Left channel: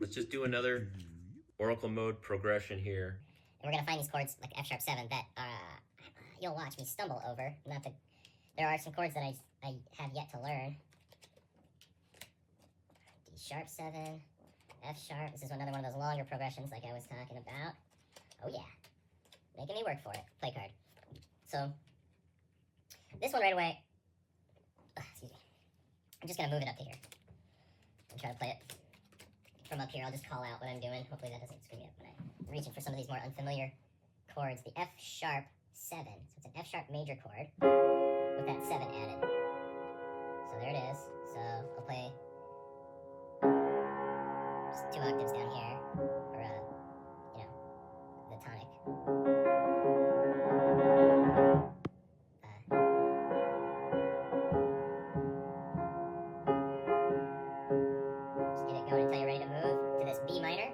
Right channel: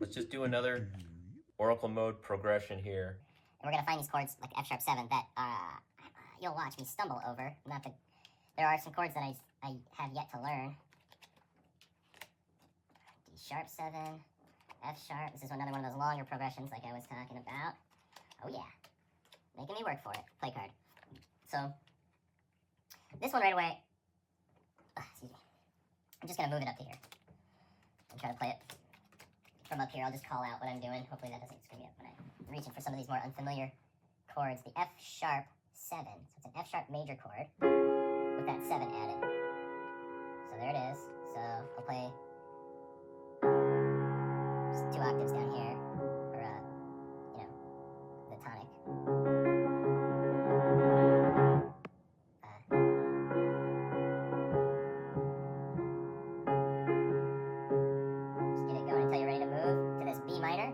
Let's just do another Oracle mode progression here. And we're going to find these chords, like F sharp 7, that you'll watch me stumble over. Not that there are some chords that I have yet to learn. D sharp 7, F sharp. This is another one of those longer progressions like I was talking about. Oh yeah, making me work for it. Play card. So, this one right away, excuse me. I'm just going to move it up to here and try to play it from up here. I'll just call out what I'm doing. Hopefully that doesn't screw me up when I'm reaching for some of these more unfamiliar chords. The F sharp 7. So it's an F sharp major chord with that 7 added. So there it is. So I'll play just 2 octaves down here, or you know, the tonic. Just get it going until you're ready to move to this B minor,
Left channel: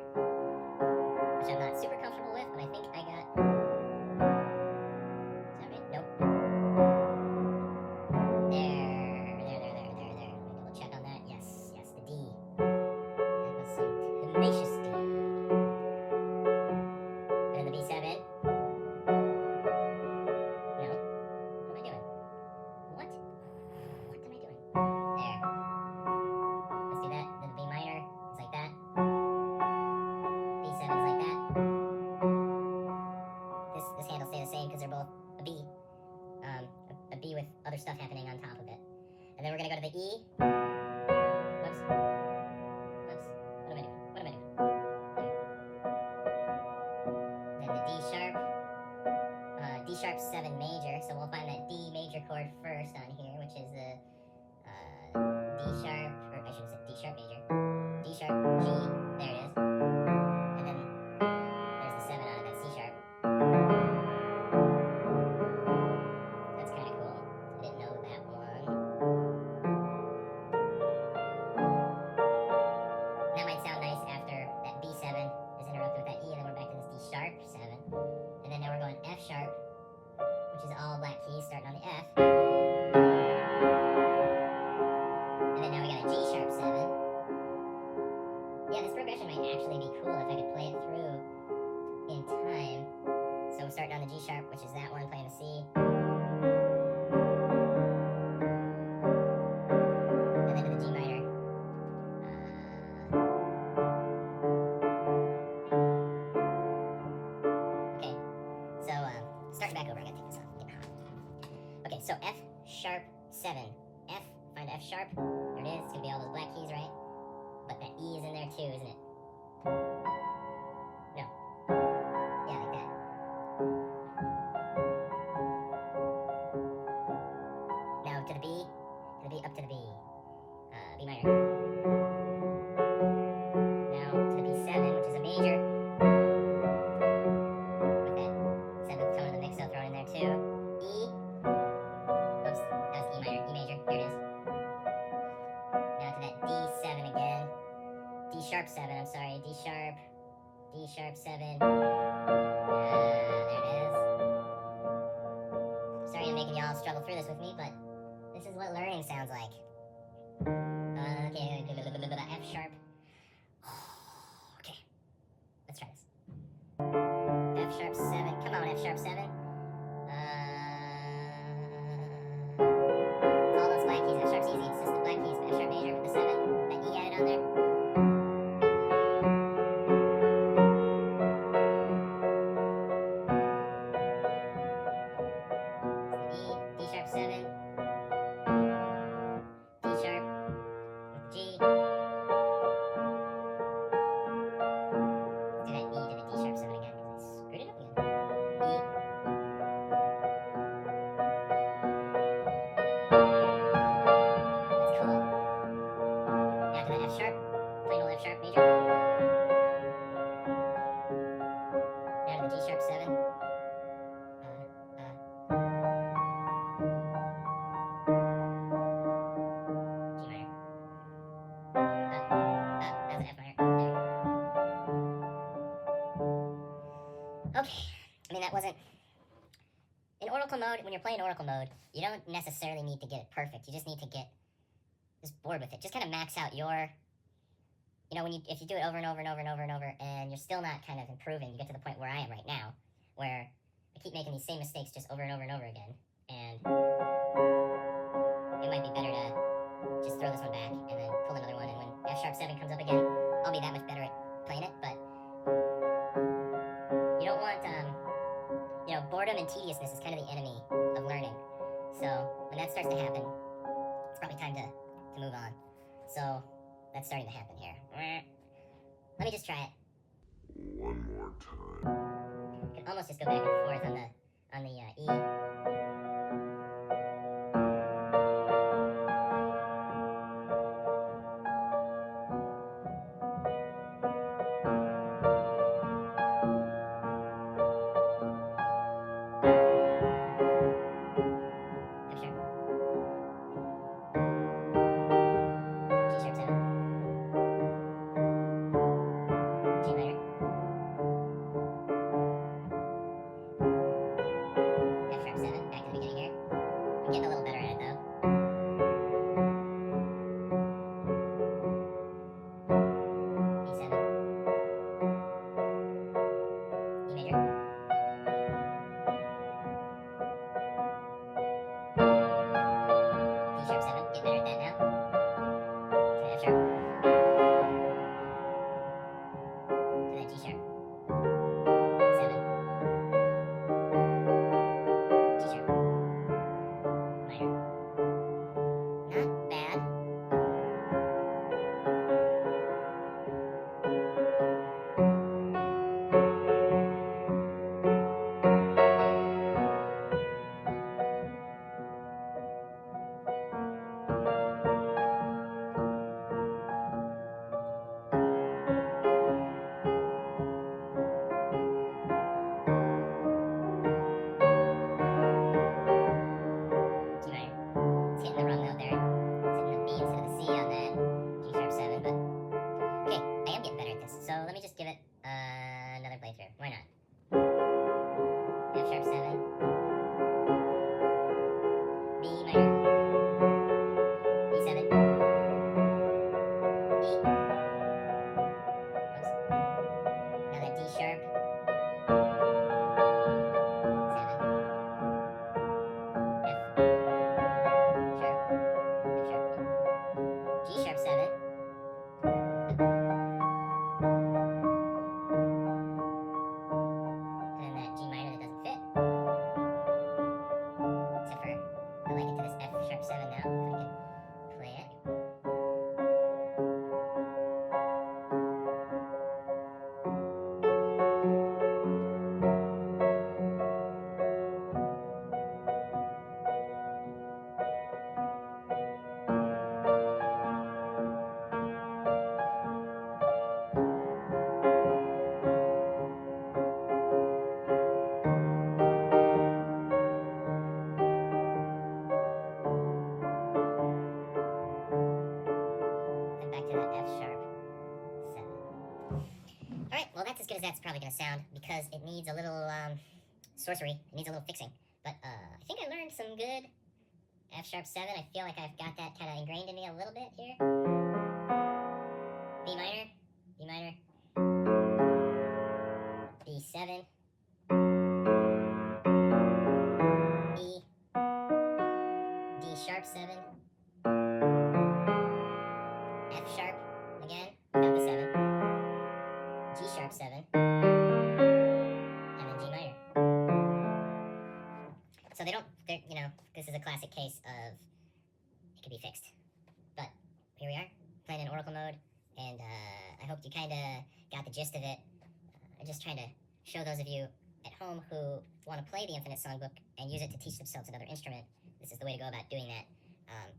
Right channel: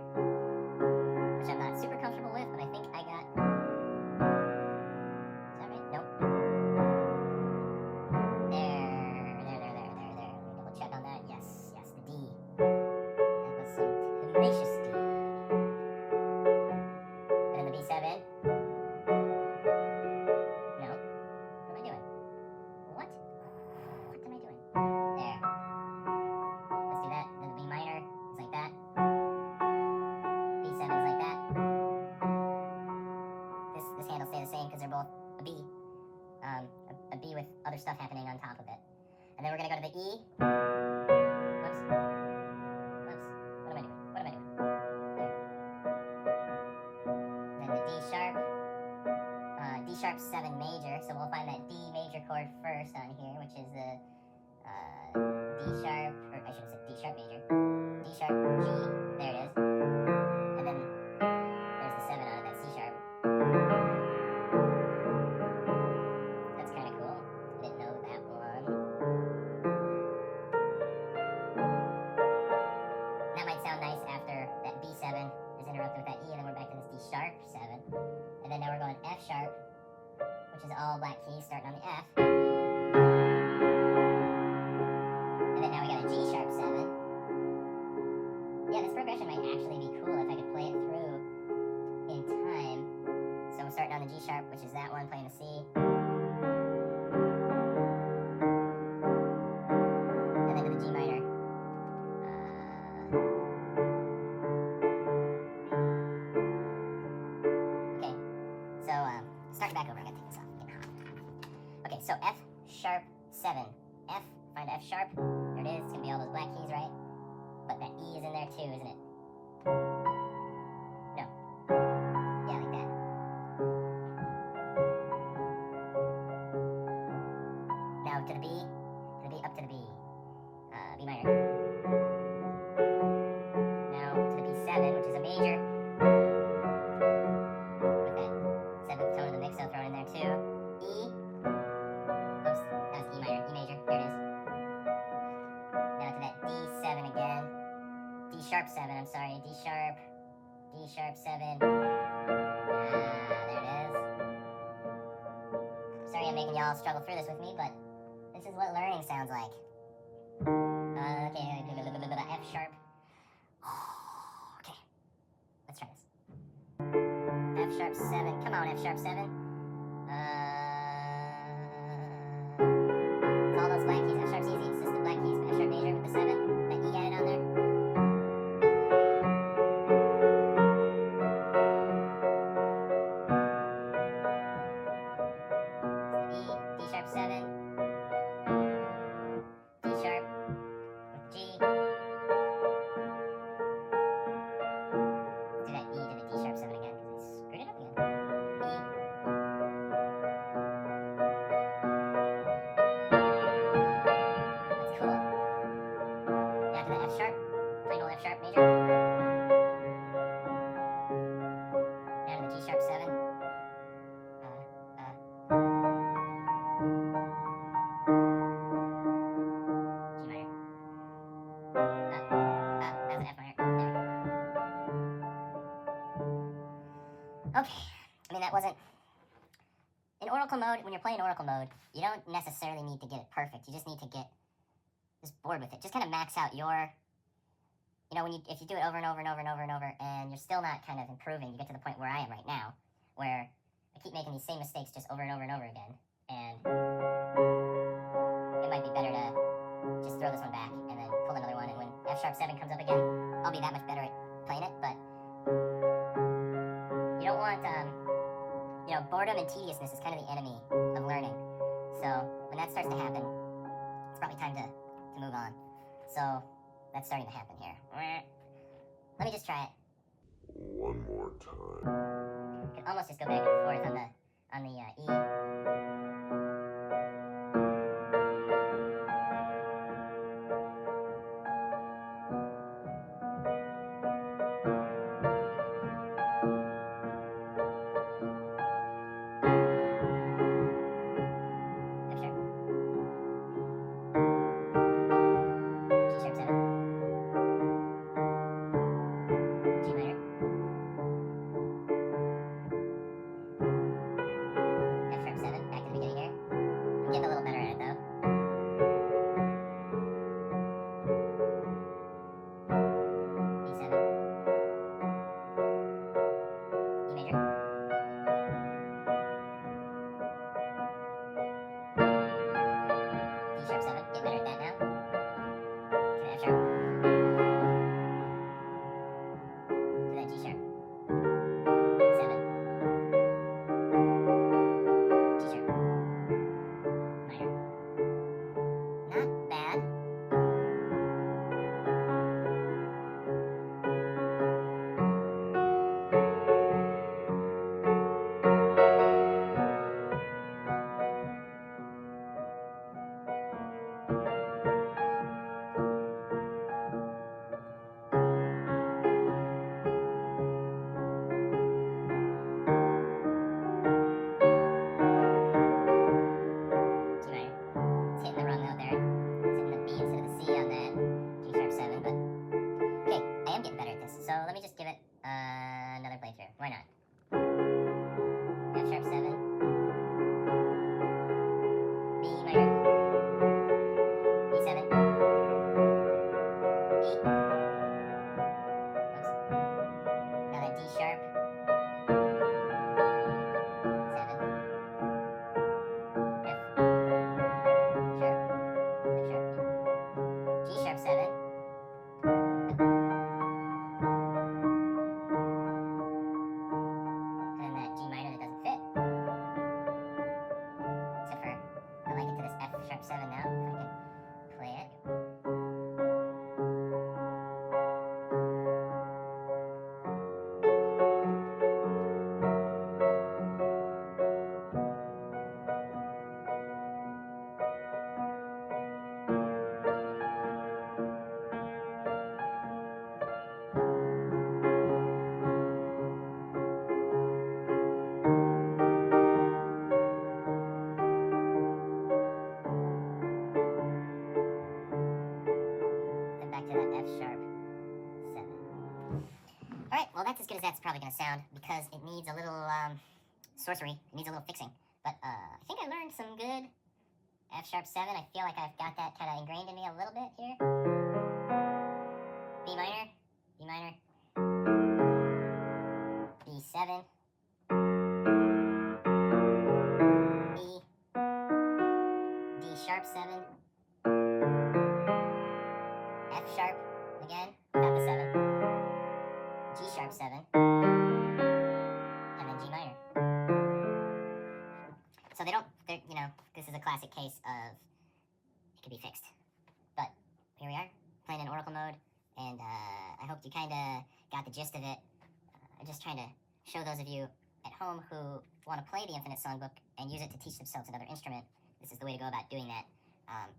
which I'm not super comfortable with, but I think I got. Is that right? Nope. There. Let me double check on that. Yes, the D. That was some tenacious D. And then the B7. No. What am I doing? What? What am I doing? There. Let's do that. Then the B minor is like that. B7 is like that. This hand will stay the same because they're both a B. A B with other stuff happening on top of it. And then we're going to go to the E. Whoops. What am I doing? There. Then the D sharp. D sharp 7 major. So we'll find that D major chord first on here, which is the D sharp, or I should have said D sharp major. D sharp, G. There it is. And then there's the 7 out of that C sharp. That's kind of cool. I didn't know that one. That might sound nice after that B7 is interrupted with that E, and then we're back to this D sharp 7. And then now we're going F sharp, which is all black keys starting on the F. And then now we got a G sharp 7. Yeah, this progression might actually be cool if I could play it through in time. So we're starting on the G sharp, which is that one, playing the C. And then to the G minor. Okay, so starting back over, I gotta take this off. Okay, so F sharp 7. F, find F sharp. There it is. It's gonna be all those black keys, right? But that E is in there too, isn't it? No. Yeah, like that. Now to the B, up to the B. B minor. Now to the B7, which is a major. With that 7th tone of the mix-up thrown in there too. E. Oops, that was E minor, E major. There it is. Now to that D7 again. D sharp 7, I'm sorry. D sharp 7. There it is. Sorry I'm making y'all struggle through this with me, but this is what learning sounds like. Okay, F sharp. Okay, let's try this. F sharp 7. Come on, F sharp 7. It's all those black keys. F sharp's easy. It's just the black keys. F sharp major with the 7. That E added on there. D sharp 7. D sharp with G. Do that E to the D sharp 7 again because I screwed it up again. E. That's cool. Now to the F sharp. Plain old F sharp major. Now to the G sharp 7. G minor. That's an F minor. There. Okay. I mean, that wasn't. In Oracle mode, when you're playing Oracle mode, you don't necessarily need to get it perfect. You just need to get just bored with it. Just kind of max out your, you know, if you do it over and over and over and over and over, and you're still not kind of improving, you get to the point where I am right now, where I keep making these same mistakes just over and over and over again, and it might be better to just throw this one back and then pull another one, and when F#7 comes up again, I'll be that much better at playing it. But you don't want, you know, boredom and tediousness is kind of the enemy of learning. So when that starts to happen, it's probably time to move on. So that's starting to happen here. Let me just try it. One more time. You can almost just go back and forth on the E. Well, that's as good as that's probably going to sound, because it needs a little sorcery. It needs a little fixing. But I think I learned some good F#7. I feel like I've got that kind of ingrained in me a little bit here. B minor, B minor, B7, E, D#7, F# again, without the 7. G#7, and then G minor. So you know, this is a classic case of it could be fixed. But here we are, playing in Oracle mode, and I hope you kind of got the gist of it. I'm just trying to show those of you at home who want to play the Infinite Songbook and use it to teach themselves another instrument. This is the way to go about doing that.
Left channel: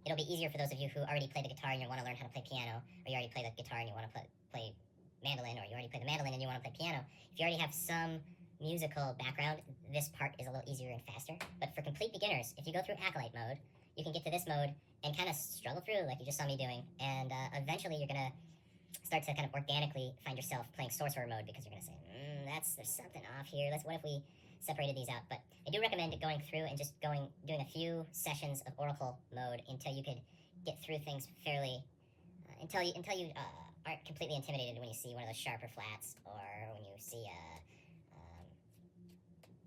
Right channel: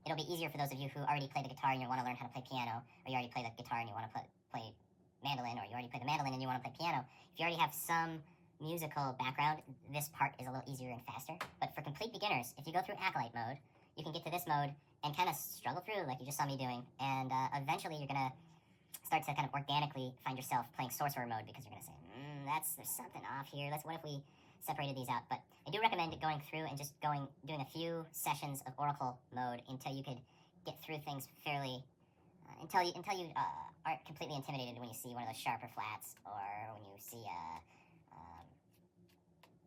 It'll be easier for those of you who already play the guitar and you want to learn how to play piano, or you already play the guitar and you want to play mandolin, or you already play the mandolin and you want to play piano. If you already have some musical background, this part is a little easier and faster. But for complete beginners, if you go through Acolyte mode, you can get to this mode and kind of struggle through like you just saw me doing, and eventually you're going to start to kind of organically find yourself playing Sorcerer mode, because you're going to say, there's something off here. What if we separated these out? But I do recommend going through and just doing a few sessions of Oracle mode until you could get through things fairly until you aren't completely intimidated when you see one of those sharper flats, or when you see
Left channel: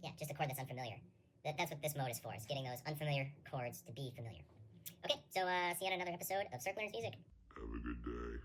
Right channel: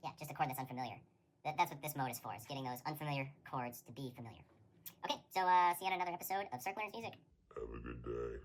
yeah, just a chord that's unfamiliar. That's what this mode is for. It's getting those unfamiliar chords to be familiar. Okay, so see you on another episode of Circ Learns Music. Have a good day.